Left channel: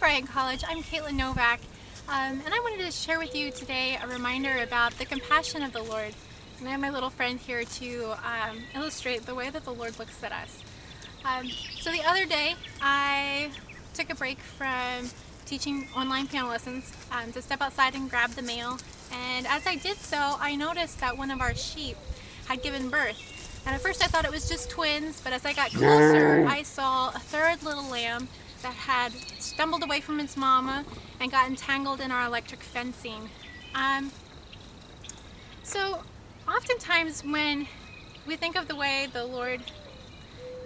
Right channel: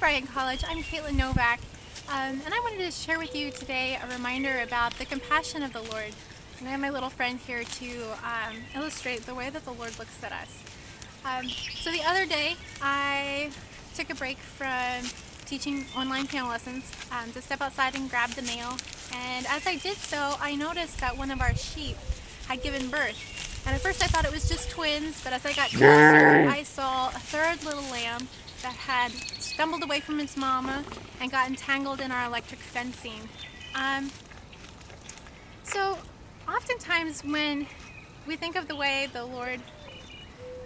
Bryan College. I'm Katelyn Novak, and I wanted to share with you today a reminder about the compassion of the Lord. And I have my little friend here to illustrate the way that the Lord looks at us. So the other day, I took a break from teaching online piano lessons to step outside and grab the mail. And as I did so, I noticed that one of our sheep had given birth. And at first I thought it was just twins, but as I got closer, I saw a third little lamb that had stumbled away from its mama and got entangled in our electric fencing. So oftentimes when we think of the way the Lord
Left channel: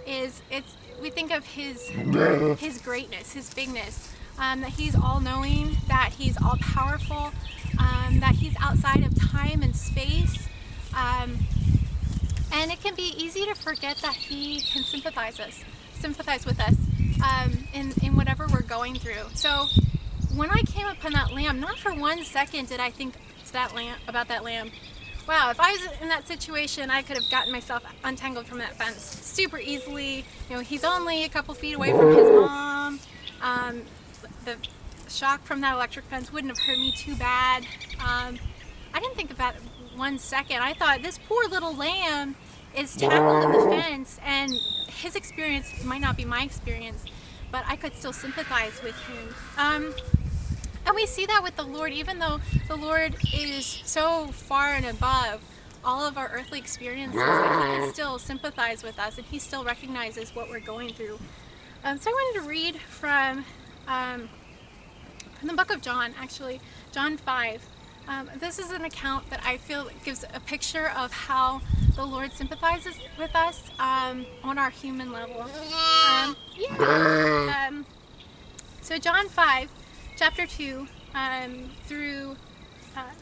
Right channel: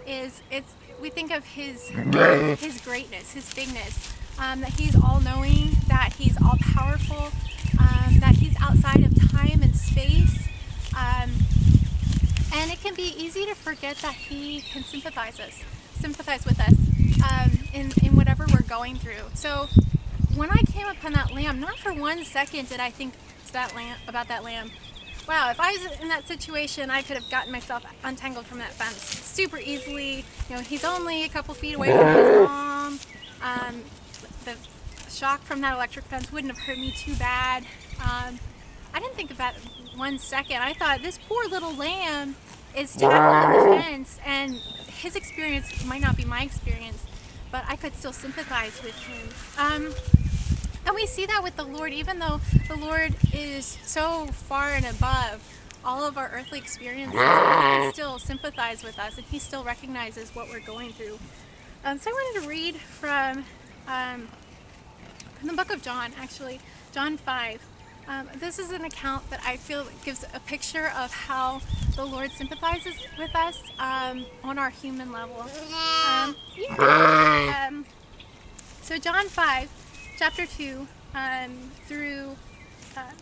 is, we think of His greatness, His bigness, that He's all-knowing, that He's all-powerful, that He's outside of time and space. And it can be easy to forget that He can sympathize with us in whatever we're going through. So when I came upon that lamb, not for 1 second did I think about that lamb. Wow, if I was in that situation, I could have gotten myself untangled from that fence super easily. You know, he's only a couple feet away from his mom. The shock from that electric fence wouldn't have hurt me too bad. I didn't think of that 1 second. I thought, this poor little lamb is tangled in the fence, and his experience might not be my experience, but I could still sympathize with him. And we see that with the Lord, even though the Lord is so far and above all of our earthly experiences, He can still sympathize with us, and He still recognizes what we're going through. So I wanted to read from the book of John, actually, John 5. This is an account that I feel gives a picture of how the Lord sympathizes with us on our human level. So John 5, chapter 2 through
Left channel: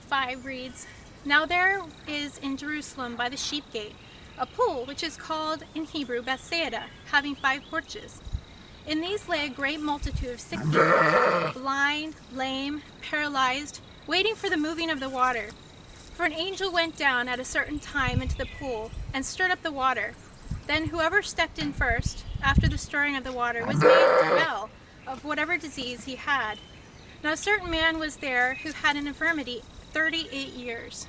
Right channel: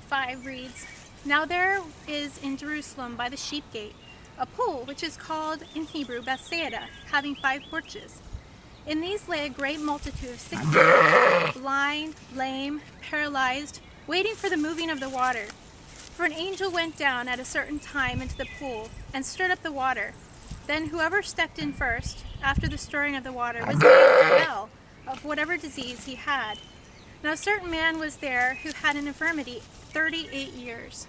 5 reads, "Now there is in Jerusalem by the sheep gate a pool which is called in Hebrew Bethsaida, having 5 porches. In these lay a great multitude of sick people, blind, lame, paralyzed, waiting for the moving of the water. For an angel went down at a certain time into the pool and stirred up the water. Then whoever stepped in first, after the stirring of the water, was made well of whatever disease he had. Now a certain man was there who had an infirmity 38 years.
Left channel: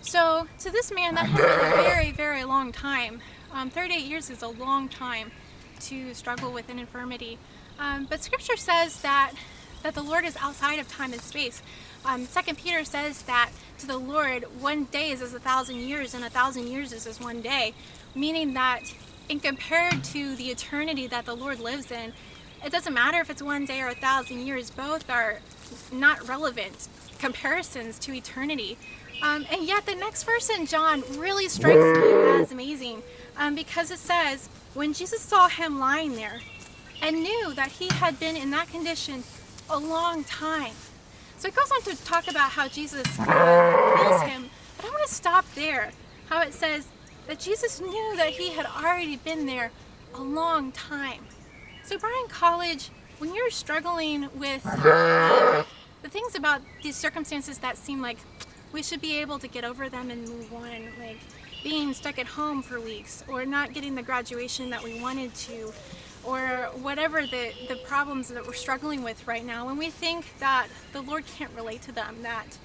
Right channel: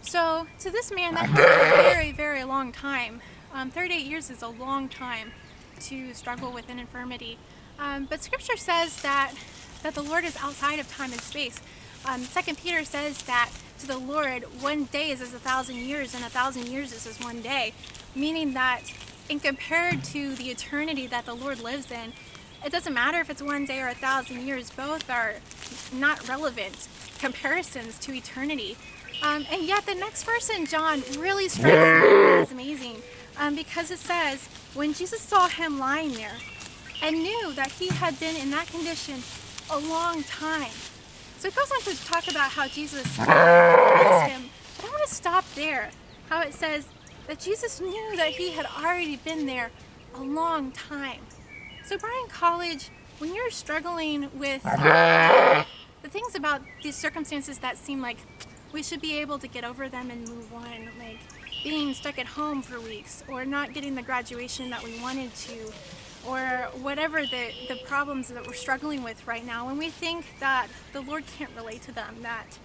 So to this man, that has been a very, very long time. 38 years is a long time to struggle with an infirmity. But Scripture says that the Lord is outside of time and space. 2 Peter says that to the Lord, 1 day is as 1,000 years, and 1,000 years is as 1 day, meaning that in compared to the eternity that the Lord lives in, it doesn't matter if it's 1 day or 1,000 years. Both are not relevant comparisons to eternity. And yet the next verse in John really strikes me as amazing, because it says, when Jesus saw him lying there and knew that he had been in that condition a long time. So it goes on to talk about how Jesus heals him, but I want to stop there. How it says that Jesus knew that he had already been there a long time. So Bryan College, when you're struggling with the things about these circumstances that seem like we should be able to get over them and move on, like being stuck at home for weeks, or not getting the graduation that we wanted to, or whatever the problems that we're struggling with right now, when we think that the Lord can't relate to them, that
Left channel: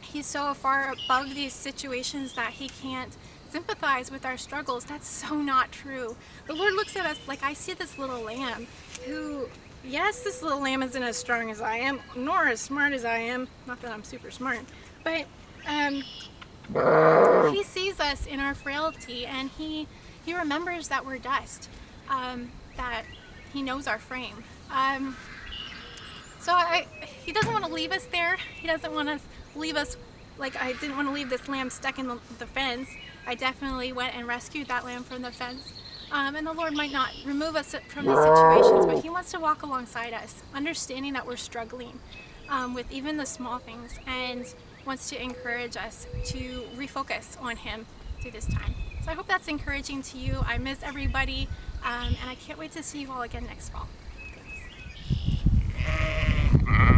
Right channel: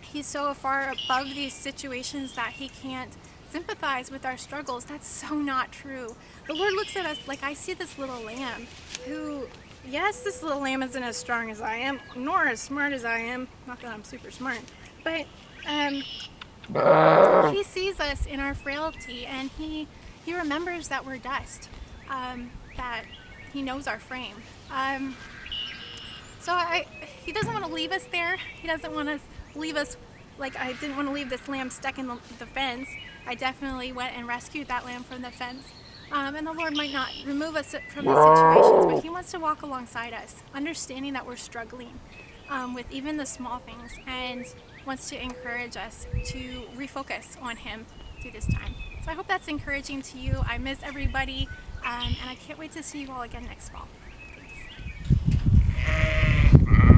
He's so far above these situations that He can't sympathize with our struggles, that's so not true. The Lord looks at us like, I see this little lamb who, yes, this little lamb isn't as strong as I am, nor as smart as I am, not that I'm super smart, but He sees us in our frailty, and He remembers that we're dust, that He knows our frame. So He doesn't want to leave us there. He doesn't want to leave us like I didn't want to leave this lamb stuck in the fence. I definitely went and rescued that lamb from the fence. And the Lord might not remove us from these situations, but He wants to walk alongside us, understanding that we're struggling with even the small things, and wants to encourage us to refocus on Him through this time. So I hope that's encouraging to you. I miss everybody, and I can't wait to see you all again next fall. Thanks.